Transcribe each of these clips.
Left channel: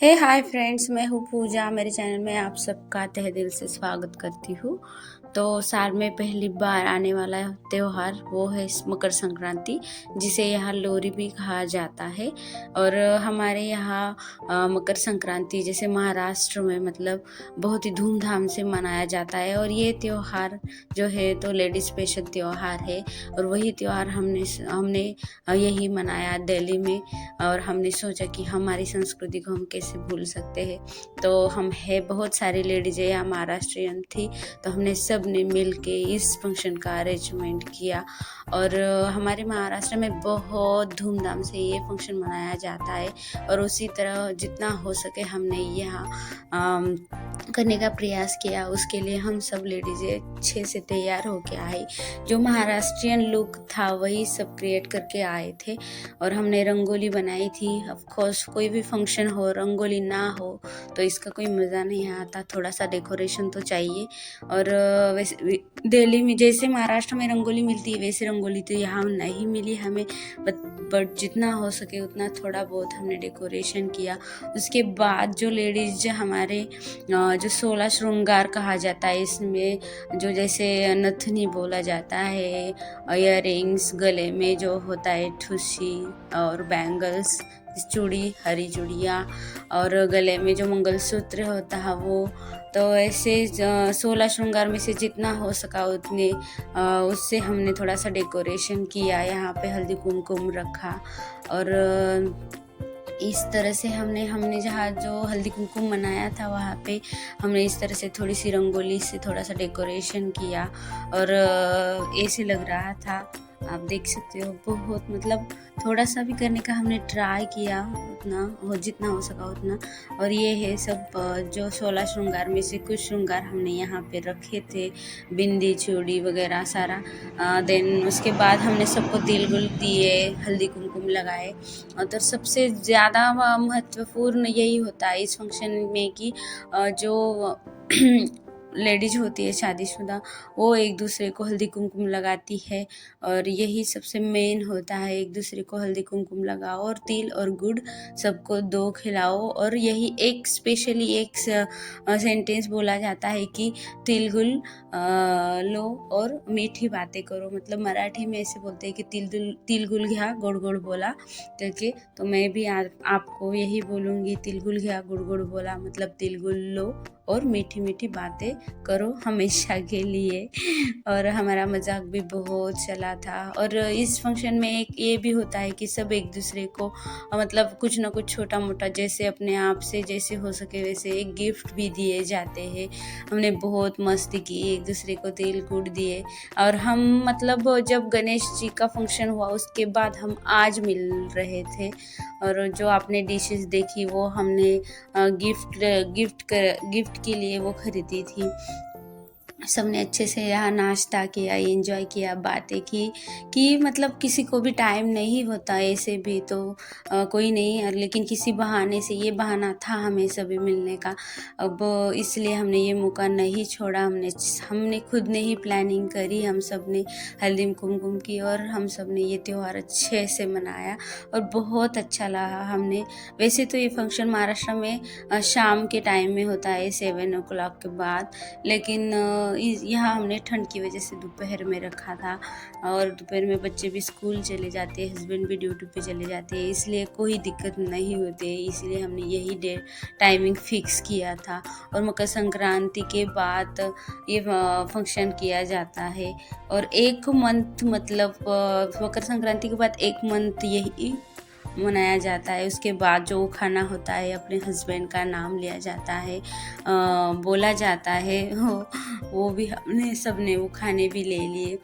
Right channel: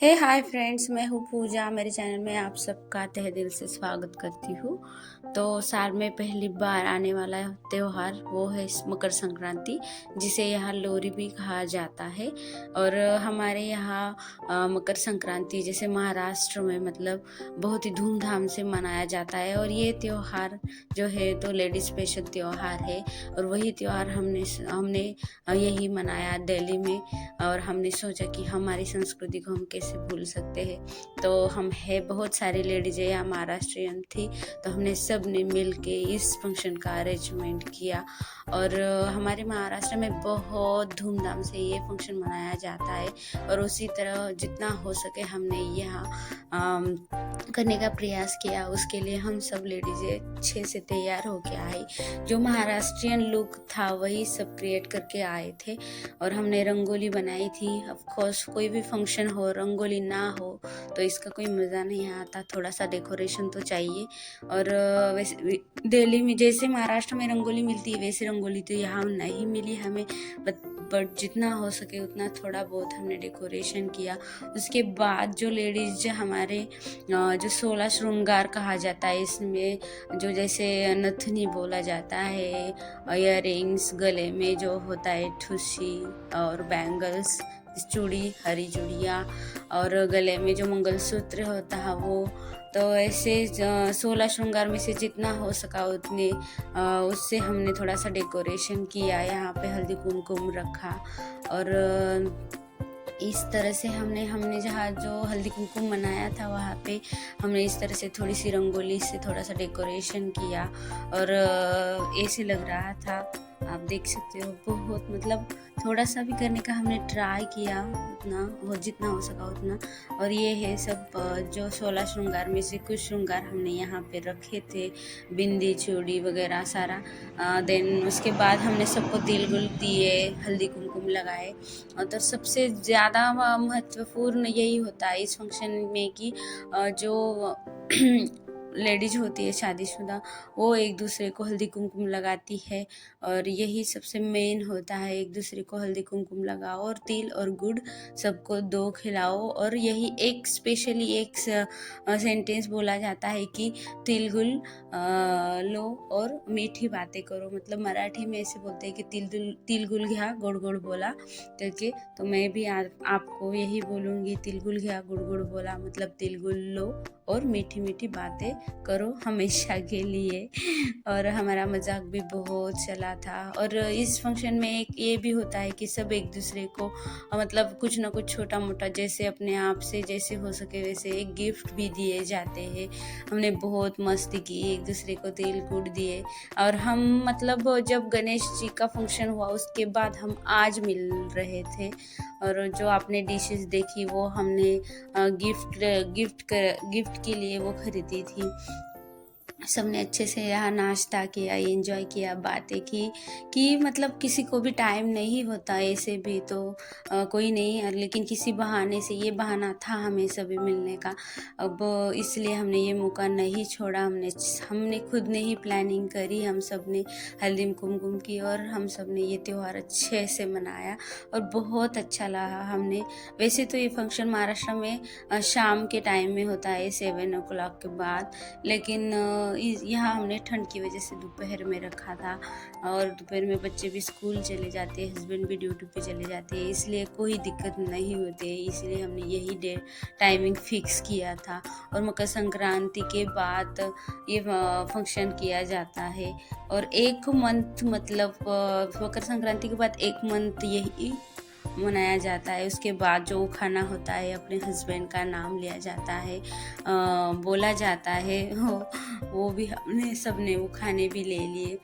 Hi friends, मैं हूँ पूजा। मेरे चैनल में आप सबका तहे दिल से स्वागत करती हूँ। तो साल में पहली बार आने वाला त्योहार वो है मकर संक्रांति, जिसे यहाँ लोहरी भी कहा जाता है। और हमारे यहाँ मकर संक्रांति जैसे महाराष्ट्र में मतलब बहुत ही धूमधाम से मनाया जाता है। और ये त्योहार जो है तो लेडीज स्पेशल त्योहार है। और वही त्योहार हमने हमने यही मनाया दिल्ली में। और हमने सोचा कि हमारी संस्कृति को हम कैसे भूल सकते हैं। तो हम है बहुत सारी लेडीज है, यहाँ महाराष्ट्रियन थी, तो हमने सब ने मिल के इस फंक्शन का अरेंजमेंट किया। और हमारे महाराष्ट्र में बहुत धूमधाम से ये फंक्शन मनाया जाता है। और उसी तरह जितना हो सके हमने यहाँ करने का प्रयास किया। उसके लिए हम सब लेडीज़ें अच्छे से तैयार होके आई। जो महाराष्ट्रियन लुक था वही सब क्रिएट करके आए थे। और हमने रंगोली बनाई थी। ऑफ कोर्स कोई भी फंक्शन हो रंगोली ना हो तो इसका कोई मज़ा नहीं आता, थोड़ा सा डेकोरेशन तो चाहिए। और वैसे दिल्ली में जैसे महाराष्ट्र में रंगोली मिलती है वैसे रंगोली तो यहाँ नहीं मिली हमें, बट जितना हो सके उतना थोड़ा बहुत हमने डेकोरेशन किया। उसके बाद जो लेडीज हमारे जो 16 श्रृंगार कहा जाता है, इसमें जो जैसे नथनी बोला जाता है, इयर रिंग्स, गले में जो होता है ठुसी और बैंगल्स, चूड़ी, हरी चूड़ियाँ, और गले में जो मंगलसूत्र होता है वो, तो ऐसे 16 श्रृंगार में से जितना हो सका उतने उससे हमने थोड़ा सा डेकोरेशन किया। यहाँ पे हल्दी कुमकुम रखा। और इस तरह से हमने जहाँ जो हल्दी कुमकुम मनाया था वहाँ पे हमने इस तरह से थोड़ी सी रंगोली से थोड़ा सा डेकोरेशन किया। और ऐसे लग रहा था, आप देख सकते हो, बहुत मतलब थोड़ा सा भी करने का हमने ट्राई किया, उतना हो जितना हो सका उतना। और ये है सब जो 16 श्रृंगार में से कुछ श्रृंगार हमने यहाँ पे रखे थे, बिंदी चूड़ी वगैरह सारा। देन उसके बाद हमने सबको तिल गुल दिए, हल्दी कुमकुम लगाए। और तो सबसे ज़्यादा महत्वपूर्ण यही होता है इस फंक्शन में कि जो लेडीज होती है शादीशुदा, वो एक दूसरे को हल्दी कुमकुम लगाती है। और यही सबसे मेन होता है, एक दूसरे को हल्दी कुमकुम लगाओ और तिल और गुड़ सबको दो खिलाओ। और यही एक स्पेशली एक सेंटेंस बोला जाता है कि तिल गुल लो और मीठी बातें करो। मतलब मराठी में ऐसे बोलते हैं कि तिल गुल घ्या गोड गोड बोला करके। तो मैं भी आपको यही बोलूँगी, तिल गुल घ्या गुड़ गुड़ बोला, मतलब तिल गुल लो और मीठी मीठी बातें करो हमेशा के लिए। और हमारा मजाक भी बहुत चला था। और इस फंक्शन में एक ये भी होता है कि सब एक दूसरे को मतलब कुछ ना कुछ छोटा मोटा जैसे अपने आप से जैसे हो सके वैसे एक गिफ्ट भी दिए जाते हैं। हमने बहुत मस्ती की, एक दूसरे को तिल गुड़ दिए। और हम मतलब जब गणेश जी का फंक्शन हुआ उसके बाद हम आज मिल रहे थे। और जो आपने डिशेस देखी वो हमने गिफ्ट के लिए वो खरीदी थी। सबने अच्छे से यहाँ नाश्ता किया, एंजॉय किया, बातें की कि मतलब किसी को भी टाइम नहीं होता ऐसे भी तो कोई नहीं, लेकिन किसी बहाने से ये बहाना था हमें सभी मिलने का। अब इसलिए हमने ये मौका नहीं छोड़ा। हमने खुद ने ही प्लानिंग करी, हम सब ने हल्दी कुमकुम की और हम सब ने ये त्यौहार अच्छे से मनाया और बहुत अच्छा लगा। हमने वैसे तो ये फंक्शन महाराष्ट्र में शाम के टाइम में होता है 7 o'clock के बाद, लेकिन यहाँ हमने ठंड की वजह से दोपहर में रखा था। और दोपहर में बच्चे भी स्कूल चले जाते हैं, हस्बैंड भी ड्यूटी पे चले जाते हैं, इसलिए कोई दिक्कत नहीं होती है। इसलिए हमने यही टाइमिंग फिक्स किया था। और मकर संक्रांति के बाद ये फंक्शन किया जाता है। और एक मंथ मतलब मकर संक्रांति के बाद एक मंथ यही मनाया जाता है। उसके बाद जो खाना होता है अपने हस्बैंड का नाम लिया जाता है, बोला जाता है, वो भी हमने सब ने वो खाने भी ले लिए।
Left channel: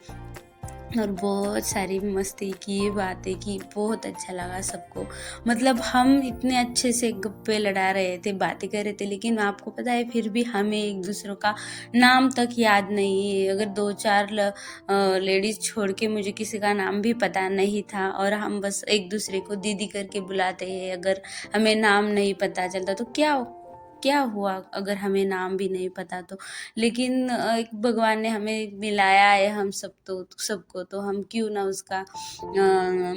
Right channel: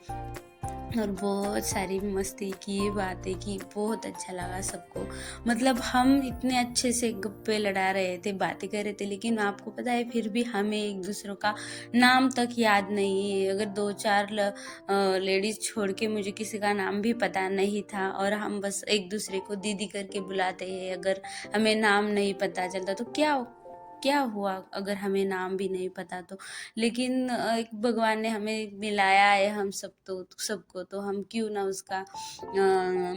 और बहुत सारी मस्ती की, बातें की, बहुत अच्छा लगा सबको। मतलब हम इतने अच्छे से गप्पे लड़ा रहे थे, बातें कर रहे थे, लेकिन आपको पता है फिर भी हमें एक दूसरों का नाम तक याद नहीं है। अगर 2-4 लेडीज छोड़ के मुझे किसी का नाम भी पता नहीं था। और हम बस एक दूसरे को दीदी करके बुलाते हैं। अगर हमें नाम नहीं पता चलता तो क्या हुआ अगर हमें नाम भी नहीं पता तो। लेकिन भगवान ने हमें मिलाया है हम सबको, तो हम क्यों ना उसका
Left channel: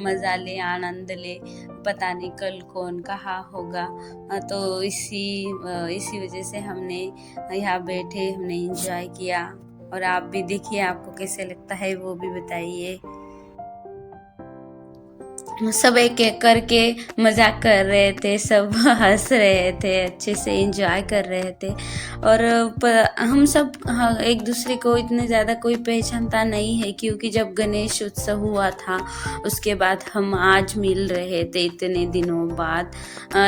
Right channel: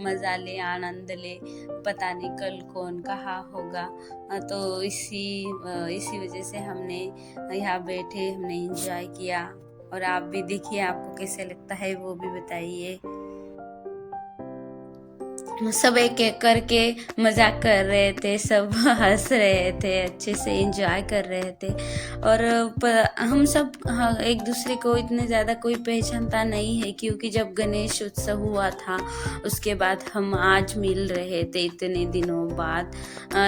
मज़ा लें, आनंद लें। पता नहीं कल कौन कहाँ होगा। तो इसी वजह से हमने यहाँ बैठे हमने एंजॉय किया। और आप भी देखिए आपको कैसे लगता है वो भी बताइए। सब एक एक करके मजाक कर रहे थे, सब हंस रहे थे, अच्छे से एंजॉय कर रहे थे। और हम सब एक दूसरे को इतने ज़्यादा कोई पहचानता नहीं है, क्योंकि जब गणेश उत्सव हुआ था उसके बाद हम आज मिल रहे थे इतने दिनों बाद।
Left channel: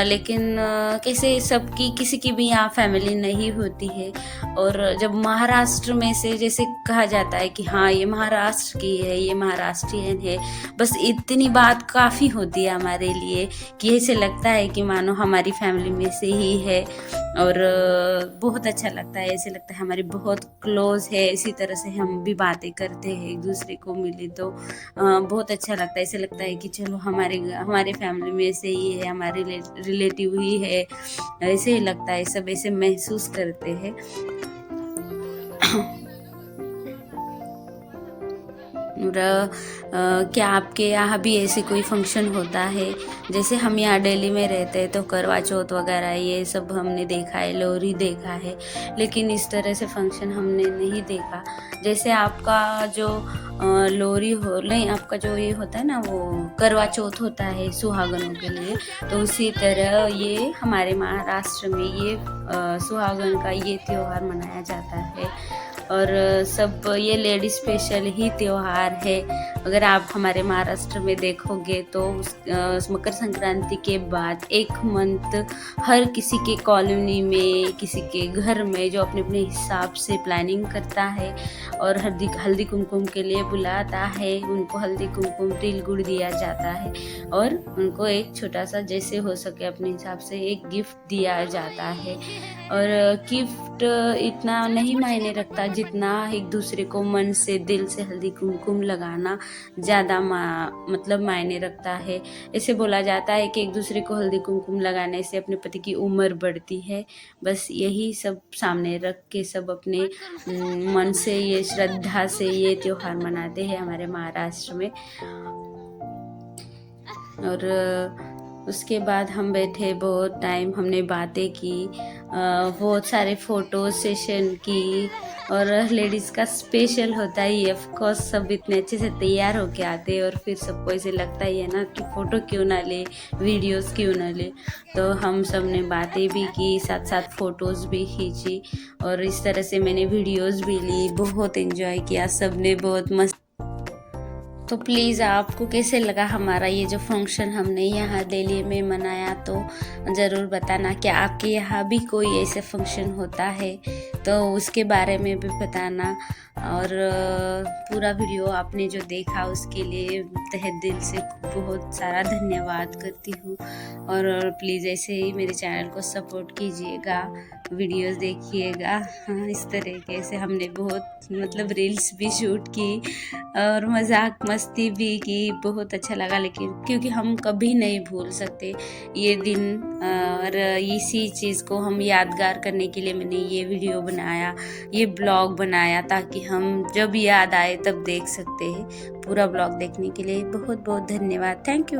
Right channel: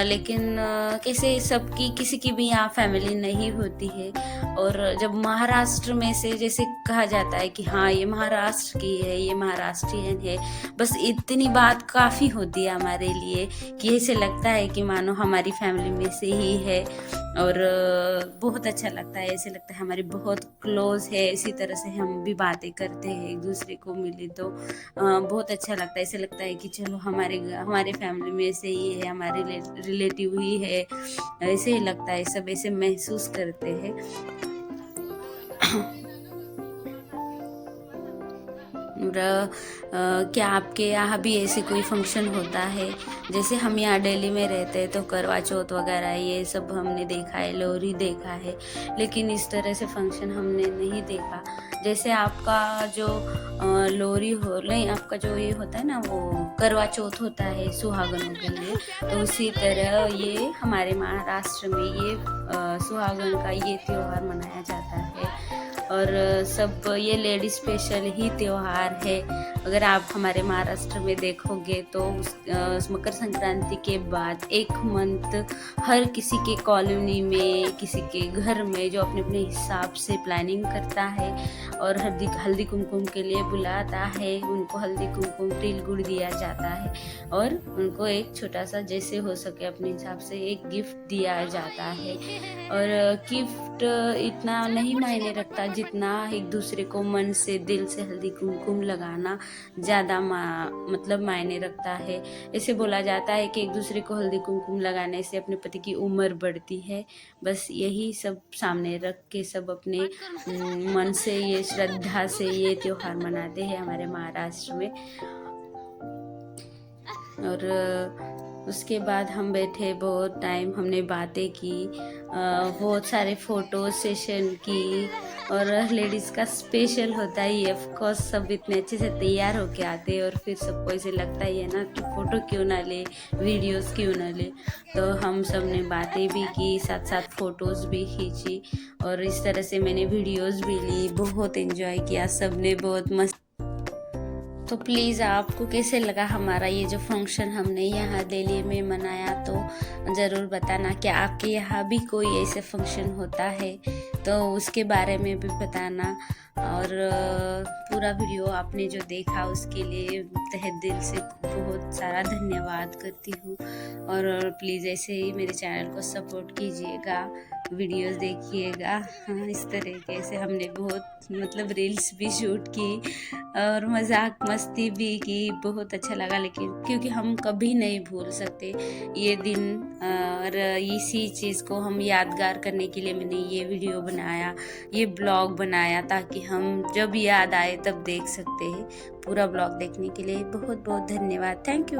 लेकिन कैसे सबकी किसी की भी यहाँ फैमिली नहीं होती है। और जब महाराष्ट्र में से जैसे कहा जाता है कि हाँ ये महाराष्ट्र की है, ये महाराष्ट्रियन है, बस इतनी बात काफ़ी होती है हमारे लिए कि ऐसे लगता है कि मानो हमारी फैमिली में से ही है। और बहुत अच्छा लगता है, ऐसे लगता है हमारी बहुत क्लोज है। इसी तरह से हम भी बातें करते हैं, एक दूसरे को मिले तो बहुत अच्छा लगता है। ऐसे लगता है कि चलो हमारे फैमिली में से ही है, हमारे रिलेटिव ही है, ऐसे ही लगता है, सब ऐसे महसूस करते हैं। क्या आपके यहाँ भी ऐसे कोई फंक्शन होता है? जैसे हम यहाँ दिल्ली में रहते हैं तो करवा चौथ वगैरह ये सब हमने देखा है, लोहरी देखा है, लेकिन इस तरह से फंक्शन हमने नहीं देखा। जैसे आपका जो लोहरी हो नहीं, आपका जो ये होता है ना वो करवा चौथ होता है सुहागनों के लिए, तो उसी तरह ये हमारे महाराष्ट्र में ये सुहागन का ये त्यौहार मनाया जाता है। और सब ये लेडी स्पेशल ही त्यौहार है। अगर आप हमारे महाराष्ट्र में देखोगे तो उस मकर संक्रांति के बाद एक मंथ हर किसी के कॉलोनी में, किसी के घर में जो अपने अपने हिसाब से प्लानिंग करता है और हल्दी कुमकुम के लिए बुलाता है। उनको हल्दी कुमकुम तिल गुड़ दिया जाता है और उनको एक छोटा सा जैसे हो सके अपने हिसाब से एक गिफ्ट दिया जाता है। और गिफ्ट इतना नहीं मायने रखता जितना एक दूसरे को मन से दिल से हल्दी कुमकुम लगाना ज़्यादा मतलब मायने रखता है। ऐसे बोला जाता है कि एक दूसरे को हल्दी कुमकुम लगाने से अपने पति की उम्र बढ़ती है। बस यही सब सामने रख के सब अपने मन से ये श्रद्धा से ये त्यौहार मनाते हैं हमारे महाराष्ट्र में। और उसके बाद हम बैठे, बहुत टाइम हमने बातें की, बहुत सारे फ़ोटो सेशन की। और लेडीज़ का स्पेशल होता ही है, ऑफ कोर्स सब इतने अच्छे से तैयार होके आते हैं और फिर सबको ऐसे लगता ही है ना कि फ़ोटो क्यों ना ले, वीडियोस क्यों ना ले। तो हम सब ने बातें भी की, साथ साथ फ़ोटोज़ भी खींची और इस तरह से मैंने वीडियोस भी ली, बहुत एंजॉय किया, सब ने बहुत मस्त। तो प्लीज़ आपको कैसे लगा हमारा ये जो फंक्शन हमने यहाँ दिल्ली में मनाया, तो ज़रूर बताना। क्या आपके यहाँ भी कोई ऐसे फंक्शन होता है तो उसके बारे में भी बताना। और पूरा वीडियो आपने जो देखा उसके लिए तहे दिल से बहुत सारा धन्यवाद करती हूँ। और प्लीज़ ऐसे ही मेरे चैनल को सपोर्ट कीजिएगा, वीडियोस देखिएगा। हाँ, इस तरीके से हमने बहुत मतलब रील्स भी शूट की और मजाक मस्ती भी की, बहुत अच्छा लगा। लेकिन क्योंकि हम कभी नहीं भूल सकते ये दिन, और इसी चीज़ को हम यादगार करने के लिए मैंने ये वीडियो बनाया, ये ब्लॉग बनाया, ताकि हम जब याद आए तब देख सकते हैं। पूरा ब्लॉग देखने के लिए बहुत बहुत धन्यवाद। Thank you.